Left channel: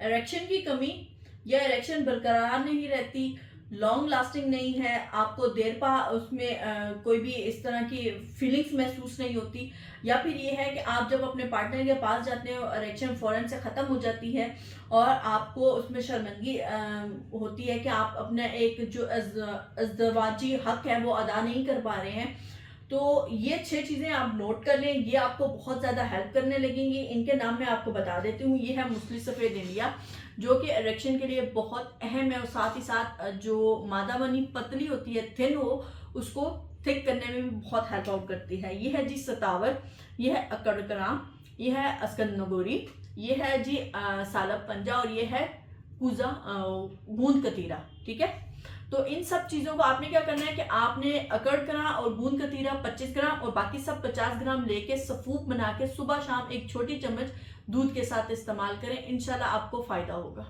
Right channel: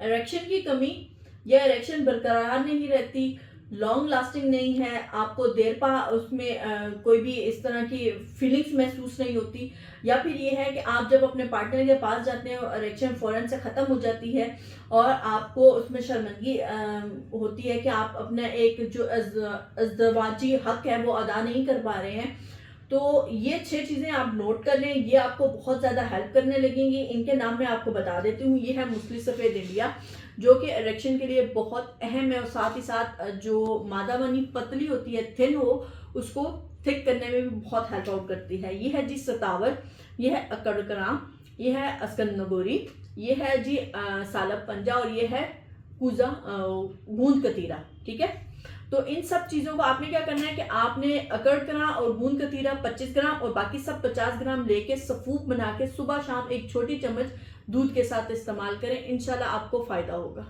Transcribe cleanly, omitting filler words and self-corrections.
Erection की कमी या इरेक्शन बरकरार नहीं रहती, लॉन्ग लास्टिंग नहीं है, आपको देर पा उसमें कोई भी इस तरह की फीलिंग्स महसूस नहीं होती, या फिर ये है कि आप जब अपने पार्टनर के पास जाते हैं इरेक्शन फ़ौरन से ख़त्म हो जाती है और आपको उसमें शर्मिंदगी होती है कि आप अपना एक जो अज़दवाजी हक है वो अदा नहीं कर पा रहे हैं। तो ये 6 चीज़ें आप नोट कर लें, ये आपको बहुत ज़्यादा हेल्प करने लगेंगी। इनके नाम मैं आपको बता देती हूँ। ये है मूसली सफ़ेद इंडिया, जो कि इरेक्शन के लिए बहुत अहम है, और साथ ही साथ जो मादा बनी पतली होती है, थिन हो, उसको थिक करने में भी बहुत हेल्प आउट करती है। ये है जी सतावर, ये है अकड़कराम, ये है अस्कंदनगोरी, ये है जी सालब पंजा, और ये है कूजा गूंद कतीरा। ठीक है, तो इन सब चीज़ों को आपने क्या करना है कि आपने अकड़करा और गूंद कतीरा 25 ग्राम और बाकी सब 50 ग्राम लेके सफूक बना के सुबह शाम एक छोटी चम्मच दूध के साथ इस्तेमाल करें, इंशाल्लाह आपको फ़ायदा होगा।